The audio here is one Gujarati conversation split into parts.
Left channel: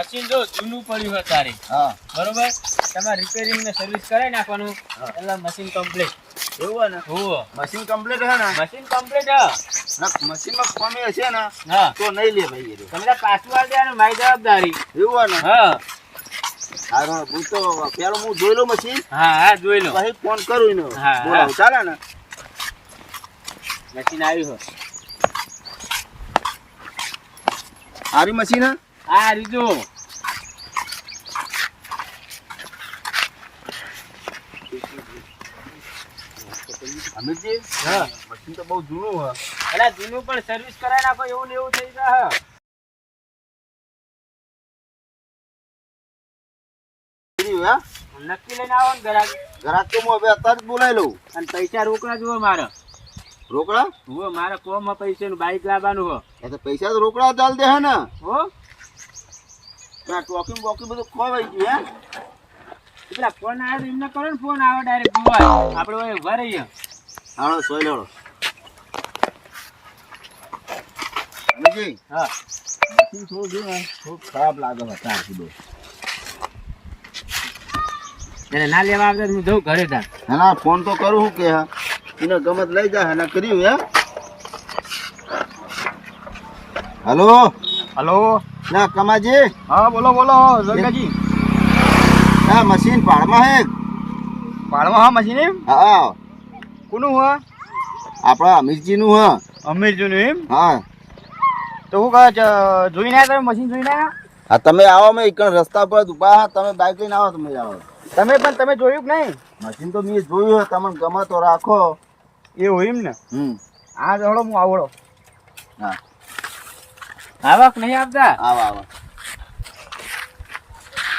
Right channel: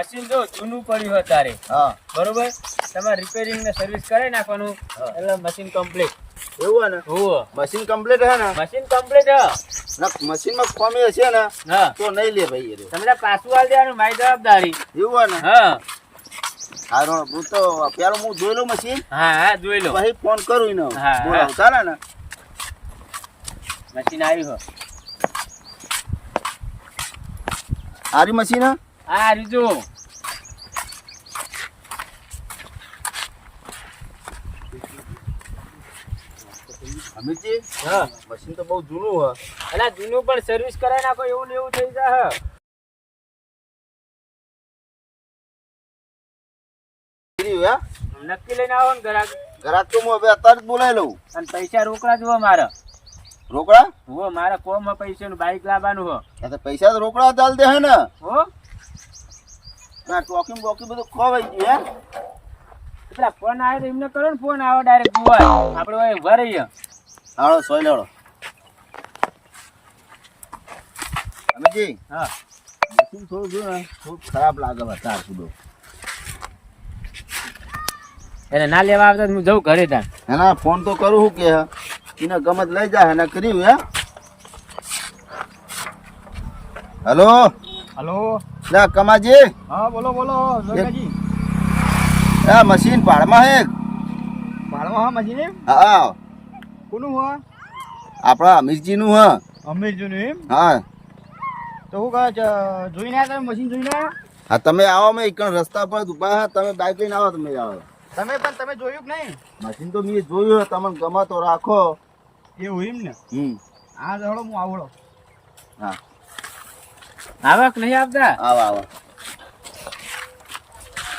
મશીન જો જૂનું પડ્યું હોય તારે હા બરોબર તમારે રિપેરિંગ ને સર્વિસ કરાવી નાખવાનું એટલે મશીન કમ્પ્લીટ એવું હે ને હોવે મશીન કમ્પ્લીટ હે ને મશીન કમ્પ્લીટ હ મશીનમાં ખામી હશે ને હા તો નહીં લે ભાઈ એ તમે પાછું આવી દેવાનું મારી જવાબદારી એવું હે ને હા હારો હું તો પેલો હું જોઈ લઉં મશીન હા હા જોઈ લો પછી ફોન કરું ને હા, બોલાવું ચાલે ને મશીન આવ્યું હો હારી મશીન હે હા રીજો અમિતજી હા મશીન તો બહુ જૂનું હે એટલે જૂનું પણ સર્વિસ કરાવી નાખો એવું ને એવું થઈ જાય નક્કી લઈને આવો ને ઘરાક ઘરાક તો હું હવે અત્યારે જ બોલાવી લઉં અને પૈસા રોકડા જુઓ મારે રોકડા હો મારે કોમ પૈસા નું બાઈક લાવવાનું હો એ તો પૈસા તો રોકડા ચાલ દે હે ને હો ના ટોકી બોકી બધું ખોવાઈ ગયું હે પેલા ફોન આવે તો એમને કરો ને ફોન આવે ડાયરેક્ટ જોવા આપણે ઉભા રહીએ હાલો સોય લેવડો અમિતજી હા મશીન થોડું જોયું ને થોડું ખરાબ લાગે વધારે કીધું એને ના લેવા આવતા હું જઉં ઘરે ત્યાં એના ફોન તો કરું હું કે એને ગમત લઈ જાય એને કર્યું હે હલો હલો લે કમાજી હા બોલો બોલો રંગાજી આ મશીન પાડમાં હે પાડવા હા મશીન એમ હા કોનું હા આપણા અમીરજીનું હ અમીરજીનું એમ હા તો હું કહે જોઈને આવ્યા તમે મશીન જોઈને આવ્યા હા તમે આવો મેં એક રસ્તા પર ઉભા હા તમે બાઇક લઈને આવો તમે આવો તમે જોયું કે નહીં મશીન તો મેં જોયું તમને ગમે તો રાખો એવું એમ ને આ હળો હું આવડો હા આવક નહીં આપતા આવો આવો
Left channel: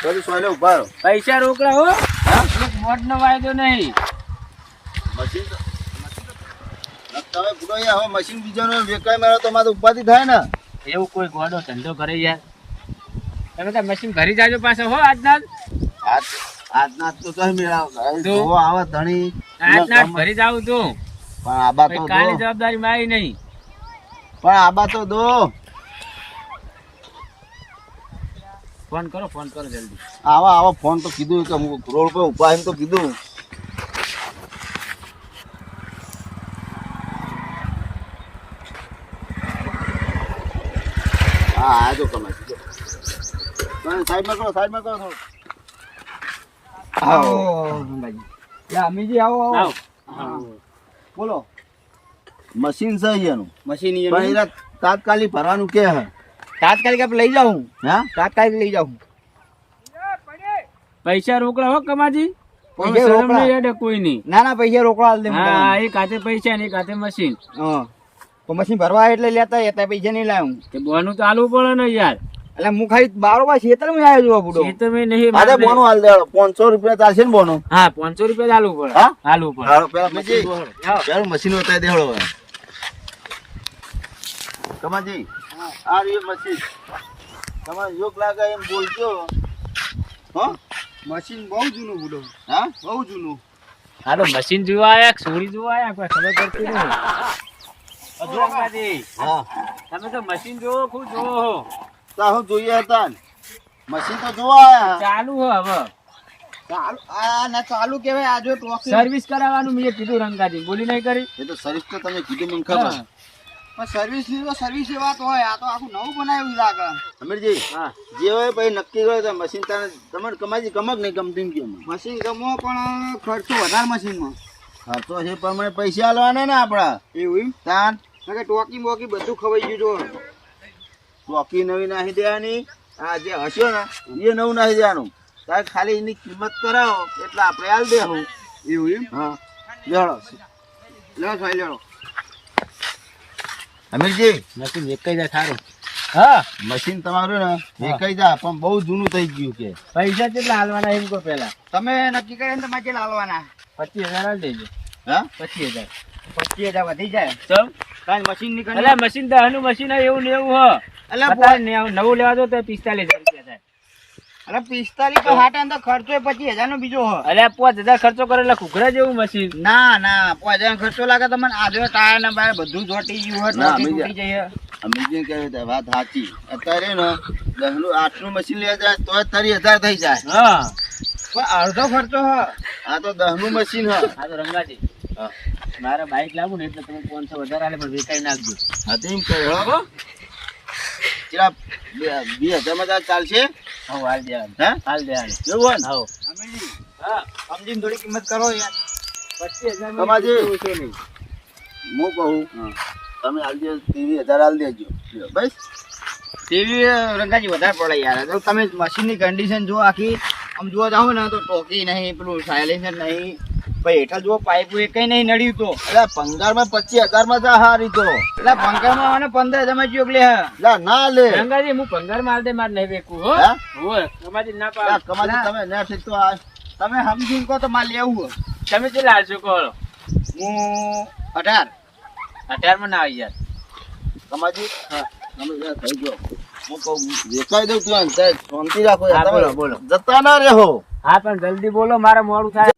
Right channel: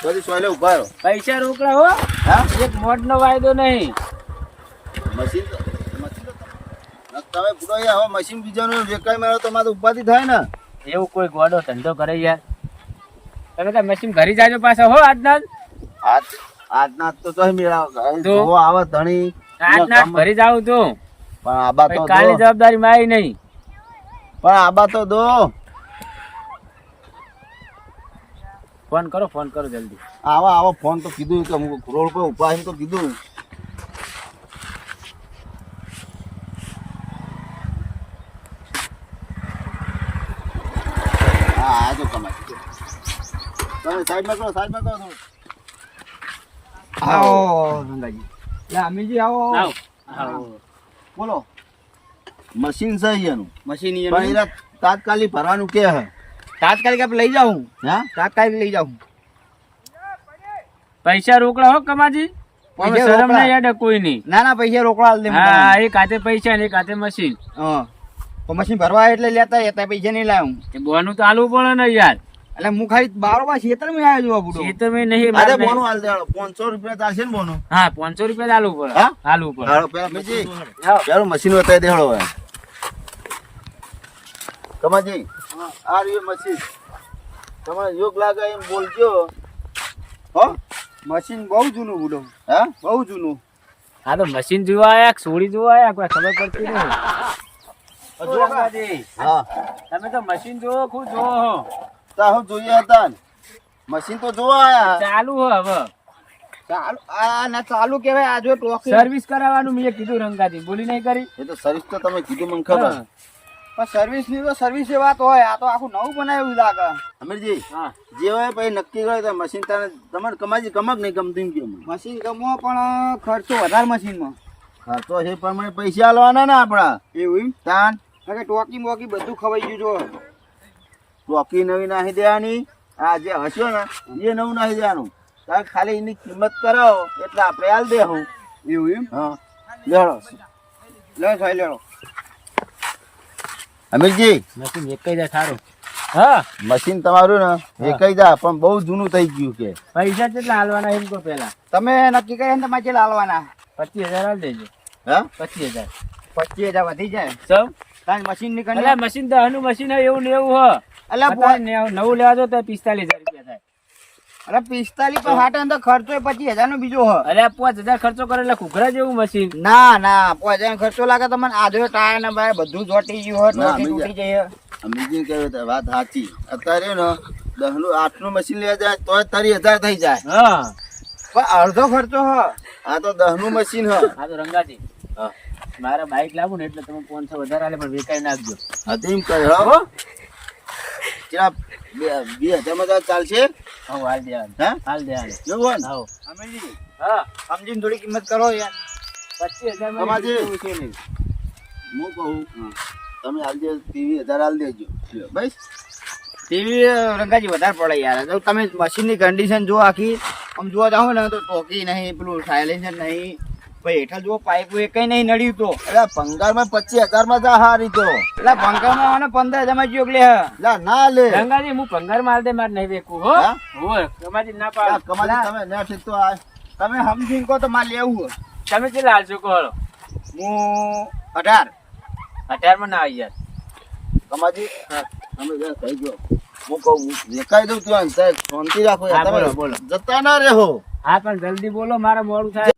બધું સોયલે ઉભા રહો પૈસા રોકડા હો હા એક મોટ નો વાયદો નહીં મશીન તો તમે પૂરો હવે મશીન બીજાનું વેકાઈ મારો તો મારે ઉપાધિ થાય ને એવું કોઈ ગોડો ધંધો કરે યાર તમે તો મશીન ભરી જાજો પાછો હો આજના આજના તો તો મેળાવ તો? જો આવે ધણી આજના ભરી જાવ તું પણ આબા તો દો કાલી જવાબદારી મારી નહીં પણ આબા તો દો ફોન કરો જલ્દી આવા ફોન તો કીધું કે હું રોડ પર ઉભા એમ તો કીધું હા આ જો કમાઈ તમે સાઈડમાં કરો થોડું આવો રંગાજી યા અમીજી આવો આવો આવો બોલો મશીન છે એનું મશીન પણ એના તાત્કાલિક ભરવાનું કે હે તાત્કાલિક આપણે લઈ જાઉં હા તાત્કાલિક લઈ જાઉં પૈસા રોકડા હો કમાજી પૈસા શરમ રોકડા? નહીં યાર કોઈ નહીં ના પૈસા રોકડા આલ દે હું હા તમને. એક હાથે પૈસા ને એક હાથે મશીન હા તો મશીન ભરવા એટલે લેતા પૈસા નહીં લાવું કે બોનું તો આલવું પડે ને યાર એટલે હું ખાલી બારોબાર ખેતરમાં આવ્યો છું આ બુડો ખેતરમાં નહીં અરે મારે બોનું હાલ દેવાળો 500 રૂપિયા ચાલશે ને બોનું હા 500 રૂપિયા આલવું પડે હા? આલવું પડે હાલો પેલા મશીન હા. પેલું મશીન બતાવી દેવાળો હવે કમાજી આ રહ્યું મશીન તમારે યોગ લાગે એમ બોલજો હો મશીન બહુ જૂનું બુડો હા બહુ જૂનું હા તો મશીન જોવા આયા કે સોડી જોવા આયા કોઈ ખબર પડતી નહીં જો રંગાજી, હા તમે તો મશીન જોવો ખૂબ જોવો હો તા હું જોઈએ હતા ને. મશીન તો જોવા આયા ચાલુ હો હવે ચાલુ આ ના ચાલુ કેવાય આ જો ટોકી સર્વિસ કરાવવાનું મેં કીધું રંગાજી બોલી નહીં કરી એ તો સર્વિસ તો તમે કીધું મને ખબર હા. પણ સર્વિસ ની તો સર્વિસ એ વાત હોય આ તો આખું નવું બનાવ્યું લાગે અમીરજી હા જે હોય પછી નક્કી હોય તો મશીન તને તમારે કમાજી કમક નહીં ગમતું એમ કેમ મશીન ગમો પણ ખર્ચો વધારે મશીનમાં હા તો એ પ્રમાણે પૈસા આલવાના ને આપણા એવું એમ તાન કે ટોકી બોકી બધું ખવાઈ ગયું જો ચોકી નવી નાખી દેવાની આ જે હસ્યો ને એ નવું નાખી દેવાનું તારે ખાલી એની કિંમત કરાવો એટલે આપણે હાલ દેવું એવું એમ હા લેડો લો સાહેબ લેડો અમીરજી મશીન એક જ સારું હા મશીન તમારું ને એકઈ જા પણ બહુ જૂનું થઈ ગયું કે પૈસા કેટલા હાલવાના એમ કહો પેલા તમે નક્કી કર્યા ને તમારે કેટલા હાલવાના 25,000 હાલ દેજો હા 25,000 25,000 વધી જાય સૌ કારણ મશીન ની અલા મશીન દહનું મશીન હોય એવું ને એવું હો અલા અત્યારે નવું લેવા દો તો 45,000 રૂપિયા થાય અરે 45 પર હાટે તો ખર્ચો 25,000 નો બીજો હ. અરે 5,000 ખર્ચો કરે એટલે ઘૂઘરા જેવું મશીન. ના ના 5,000 ખર્ચો લાગે તમને આધો ટાયર ને બાય બધું ચોટી ગયું હોય ના, ટોટી બીજા. તૂટી જાય. અમીજી કહ્યું તે વાત સાચી. અત્યારે ને 10નું 8નું મશીન લેવા જાય તોય 30,000 થઈ જાય. હા પણ અડધો ખર્ચો હ. આ તો 10નું મશીન હ. આ તો રંગાજી હા. મારે બાઈક લાવું ને એટલે તમે 500 વધારે આલે પણ વેચાઈ નાખજો. હા તો એમ કહ્યું હો. ચલા 2,000 માં તાર ચાલશે? હવ હાલ દે હે? હાલ દે હાલ. એવું હોય ને? હવ અમીજી હા સમજીને થોડી કિંમત કરો યાર. 25,000 તમાજી. માં છે નહીં. હું કહું તમે હાલ દે 23,000 હાલ દેજો. લ્યો, બસ. ટીવી રંગાજી વધારે પડે યાર. જો તમે મશીનની કન્ડિશન જો આખી આમ જોવા જાઓ ને તો ટોકી નહીં, પેલું સાયલેન્સર નહીં, પછી હેઠળ જો પાઇપ એ કઈ નહીં નડ્યું તો. એટલે પંગારમાં 25,000 માં જા હારી તો. એટલે પંખામાં મને 15,000 માં જોક લે હ. લા ના લે. રંગાજી હું ભંગાર માલ દે માર નહીં વેકું હો. હે? હોય કમાજી ના લા, પાડ. કમાલી તમે ને ઠીક તો આ તમે સમજીને કહો તો મારે લેવું હ. તમે કેટલા હાલશો કહો? હું 18. 18 માં ના આવી યાર. કમાજી અમે યાર કહી દો. હું કહું વેકાઈ દઉં ત્યાં સાહેબ શાંતિ રાખો યાર. હા, તમે બોલો, બોલો. જતા ના રહો. હા પણ જલ્દી બોલો મારે મોડું થાય.